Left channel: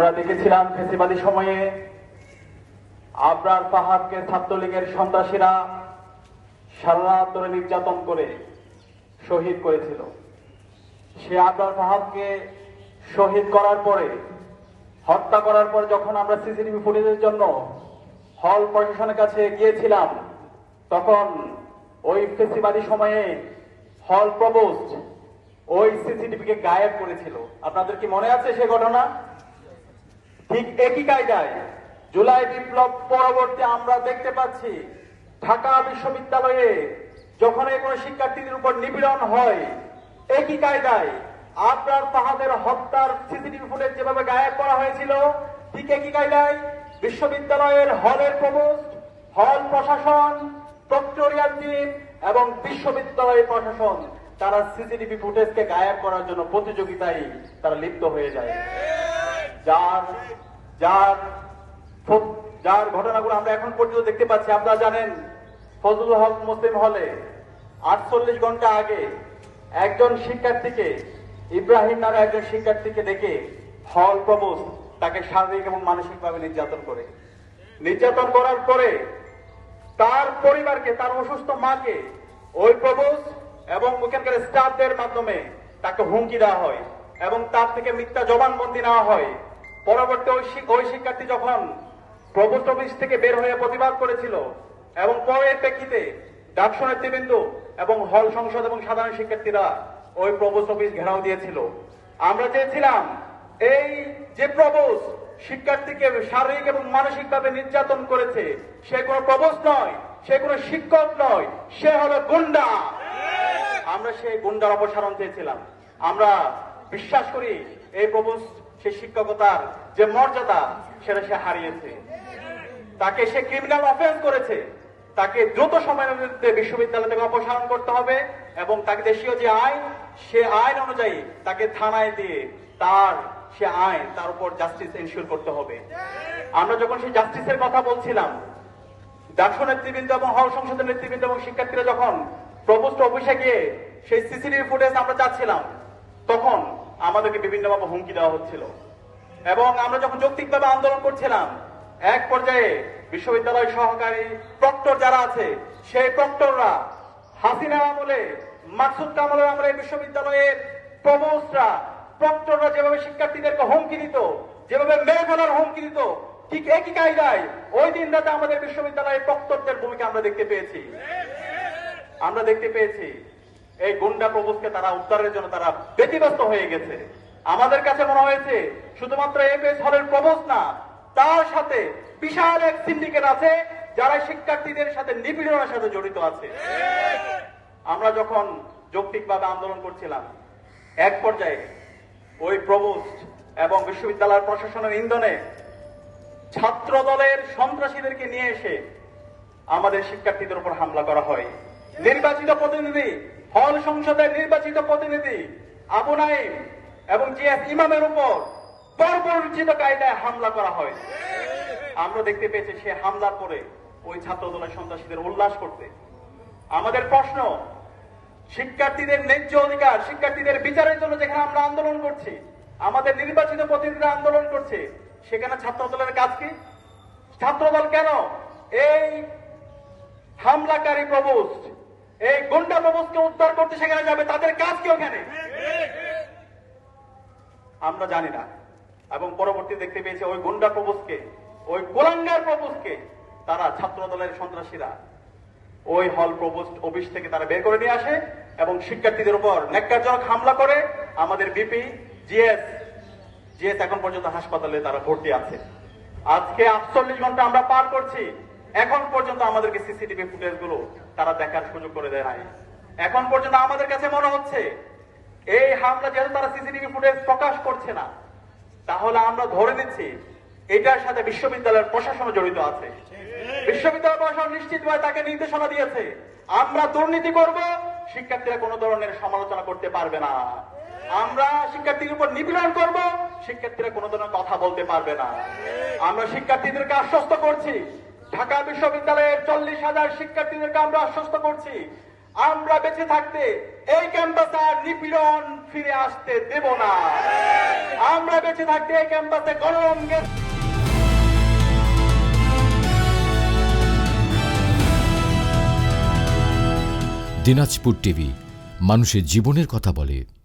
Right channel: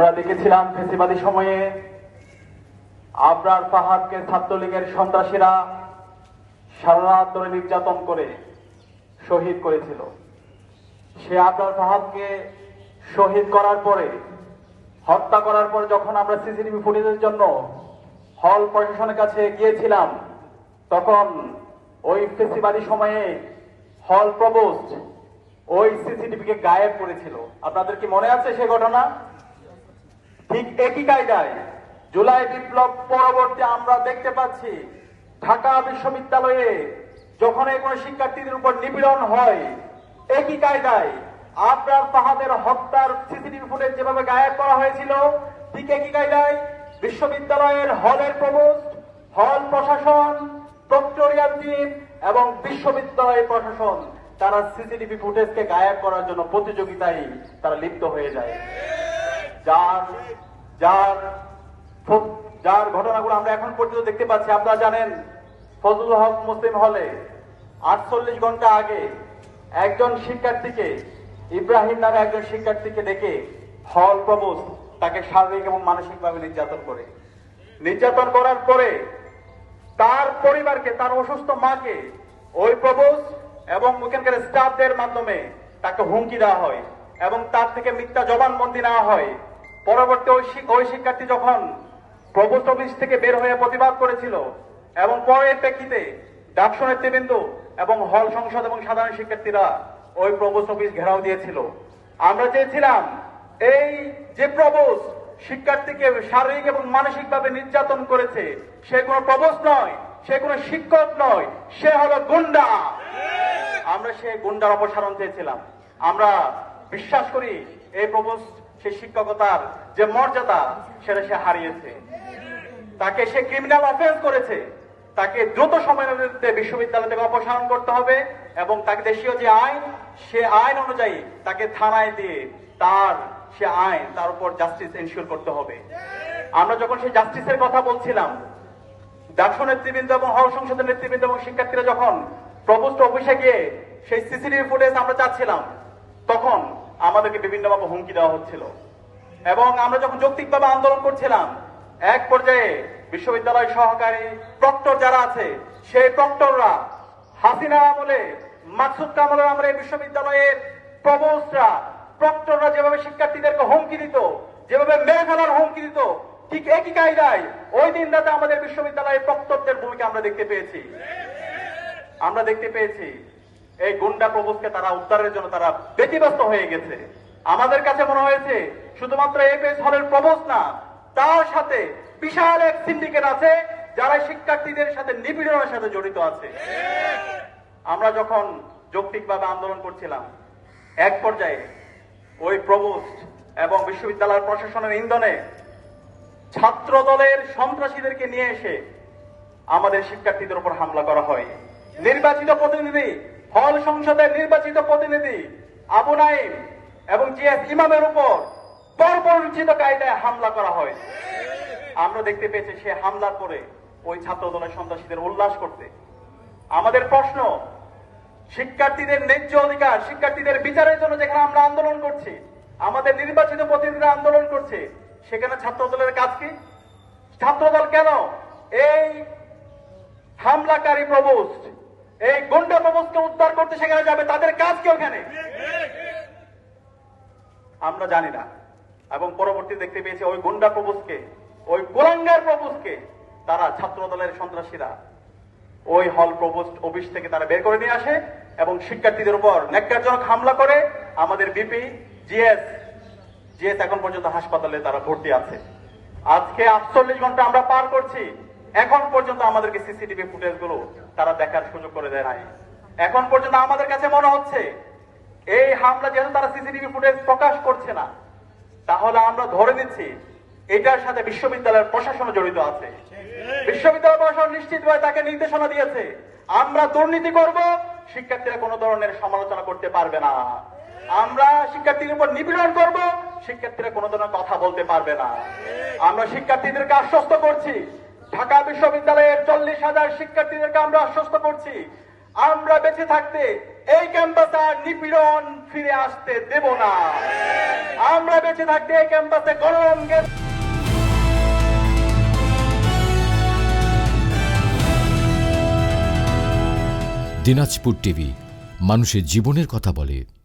আমরা দেখেছিলাম ফেসিবাদী সময়ে আবরার ফাহাদকে ছাত্রলীগের সন্ত্রাসীরা সারা রাত ধরে নির্যাতন করে শহীদ করেছিল। সে আবরার ফাহাদকে শহীদ করার পরে, হত্যা করার পরে যখন আমরা সিসিটিভি ফুটেজের জন্য হল প্রশাসনের কাছে গিয়েছিলাম, তখন ওই ফেসিবাদী সময়ে হল প্রভোস্ট ওই সিসিটিভিকে গায়েব করেছিল। আপনাদের কি মনে আছে সে ঘটনা? ঠিক একই কায়দায় জুলাই বিপ্লব পরবর্তী আমরা দেখতে পাচ্ছি ঢাকা বিশ্ববিদ্যালয়ে যখন কোনো শিক্ষার্থীদের উপর নিপীড়ন হয়, একই কায়দায় আবরার ফাহাদের হত্যার সিসিটিভি ফুটেজ যেভাবে গায়েব করা হয়েছিল, ঠিক একই কায়দায় বিশ্ববিদ্যালয়ের হলের প্রভোস্ট, হল প্রশাসন, প্রক্টোরিয়াল টিম এবং বিশ্ববিদ্যালয়ের প্রশাসন তারা সিসিটিভি ফুটেজকে গায়েব করার জন্য প্রতিযোগিতায় তারা লিপ্ত হয়ে যায়। যার ঘটনাগুলো আমরা এখন পর্যন্ত দেখতে পাচ্ছি। আপনারা জানেন, ফজলুল হক মুসলিম হলে 48 ঘন্টা আগে একজন শিক্ষার্থীকে, ইব্রাহিম নামে একজন শিক্ষার্থীকে ডেকে হল প্রভোস্ট তাকে শারীরিক এবং মানসিকভাবে নির্যাতন করার পরে তার পরিবারকে, তার অসুস্থ মাকে ওই প্রভোস্ট এবং ওখানকার স্টাফদের মাধ্যমে তাকে হুমকি দেওয়া হয় এবং তার থেকে মিথ্যা জবানবন্দি নেওয়া হয়। পরবর্তী ওই শিক্ষার্থী যখন প্রভোস্ট অফিস থেকে বের হয়ে প্রতিবাদ করেছিল এবং পরের প্রেক্ষিতে ডাকসু নেতৃবৃন্দ এবং হল সংসদ এবং সাধারণ শিক্ষার্থীরা ওই প্রভোস্ট অফিস ঘেরাও দিয়েছিল। আমরা চেয়েছিলাম এই যে প্রভোস্ট শিক্ষার্থীকে শারীরিক এবং মানসিকভাবে নির্যাতন করেছে, সে কোনো প্রভোস্ট নয়, সে কোনো শিক্ষক নয়, সে হলো গুন্ডা। আমরা সেই গুন্ডার অপসারণ চেয়েছিলাম। আমরা বিশ্বাস করি এই প্রভোস্ট সে শিক্ষকতার যে মর্যাদা সেটা সে হারিয়েছে। তাকে সে ক্রিমিনাল অফেন্স করেছে, তাকে দ্রুত সময়ের মধ্যে বিশ্ববিদ্যালয় থেকে অপসারণ করতে হবে এবং তাকে দেশীয় যে আইন, সে আইন অনুযায়ী তাকে থানায় দিয়ে তার উপর জাস্টিস এনশিওর করতে হবে। আমরা যখন সেই জাস্টিসের কথা বলছিলাম, ডাকসু নেতৃবৃন্দ এবং হল সংসদের নেতৃবৃন্দ এবং শিক্ষার্থীরা যখন প্রভোস্ট অফিসে গিয়ে সেই সিসিটিভি ফুটেজ আমরা চাচ্ছিলাম, তখন আমাদেরকে বিভিন্নভাবে হুমকি দেওয়া হচ্ছিল এবং আমরা যখন যৌক্তিকভাবে আন্দোলন করছিলাম, এক পর্যায়ে বিশ্ববিদ্যালয় সহকারী প্রক্টর যারা আছে, সেই প্রক্টররা, হাসিনা আমলে, মাকসুদ কামালের আমলে বিশ্ববিদ্যালয়ের প্রভোস্টরা, প্রক্টররা যেভাবে শিক্ষার্থীদেরকে হুমকি দিত, যেভাবে মেরে ফেলার হুমকি দিত, ঠিক একই কায়দায় ওই দিন রাতে আমাদের বিশ্ববিদ্যালয়ের প্রক্টরদের ভূমিকা আমরা দেখতে পেয়েছি। এই গুন্ডা প্রভোস্টকে তারা উদ্ধারের জন্য তারা ব্যতিব্যস্ত হয়ে গেছে। আমাদের কাছে মনে হয়েছে শুধুমাত্র এপিএস হলের প্রভোস্ট না, তার সাথে বিশাল এক সিন্ডিকেট আছে যারা শিক্ষার্থীদের সাথে নিপীড়নের সাথে জড়িত আছে। আমরা যখন যৌক্তিকভাবে আন্দোলন করছিলাম, এক পর্যায়ে ওই প্রভোস্ট এবং বিশ্ববিদ্যালয়ের প্রশাসনের ইন্ধনে ছাত্র দলের সন্ত্রাসীদেরকে নিয়ে এসে আমাদের শিক্ষার্থীদের উপর হামলা করা হয়। নির্বাচিত প্রতিনিধি, হল সংসদের নির্বাচিত প্রতিনিধি আবু নাইম এবং জিএস ইমামের উপর বর্বরোচিত কায়দায় হামলা করা হয়। আমরা দেখতে পেয়েছি সে হামলার পরে ওই ছাত্র দলের সন্ত্রাসীদের উল্লাস করতে। আমাদের প্রশ্ন, শিক্ষার্থীদের ন্যায্য অধিকার, শিক্ষার্থীদের বিচারের জন্য যেখানে আমরা আন্দোলন করছি, আমাদের নির্বাচিত প্রতিনিধিরা আন্দোলন করছে, সেখানে ছাত্র দলের কাজ কি? ছাত্রদল কেন এই হামলাকারী প্রভোস্ট, এই গুন্ডা প্রভোস্টকে উদ্ধার করতে সেখানে যাবে? তাদের কাজ কি ওখানে? আমরা জানি না। এবং পরবর্তী দেখতে পেয়েছি ওই গুন্ডা প্রভোস্টকে, ওই কুলাঙ্গার প্রভোস্টকে তারা ছাত্র দলের সন্ত্রাসীরা ওই হল প্রভোস্ট অফিস থেকে তারা বের করে নিয়ে আসে এবং শিক্ষার্থীদের উপর ন্যাক্কারজনক হামলা করে। আমাদের বিপি জিএস এখন পর্যন্ত হাসপাতালে তারা ভর্তি আছে। আজকে 48 ঘন্টা আমরা পার করছি, এখন পর্যন্ত আমাদেরকে সিসিটিভি ফুটেজ গুলো তারা দেখার সুযোগ করে দেয় নাই। এখন পর্যন্ত আমাদের কাছে মনে হচ্ছে এই হামলা যেহেতু তারা সিসিটিভি ফুটেজ প্রকাশ করছে না, তাহলে আমরা ধরে নিচ্ছি এটার সাথে বিশ্ববিদ্যালয়ের প্রশাসন জড়িত আছে। বিশ্ববিদ্যালয় প্রশাসন নিশ্চিতভাবে তাকে নির্দেশনা দিয়েছে, আমরা দুর্নীতি করব, শিক্ষার্থীরা কোনো ধরনের সমালোচনা করতে পারবে না। আমরা শিক্ষার্থীদের উপর নিপীড়ন করব, শিক্ষার্থীরা কোনো ধরনের কথা বলতে পারবে না। আমরা শিক্ষার্থীদেরকে আশ্বস্ত করছি, ঢাকা বিশ্ববিদ্যালয়ের 40,000 শিক্ষার্থীদেরকে আমরা আশ্বস্ত করছি, আমরা বেঁচে থাকতে এই ক্যাম্পাসে আর নিপীড়ন ফিরে আসতে দেব না। আমরা বেঁচে থাকতে এই ক্যাম্পাসে গণরঙ্গের দিনাজপুর টিভি, মানুষের জীবনের কথা বলে।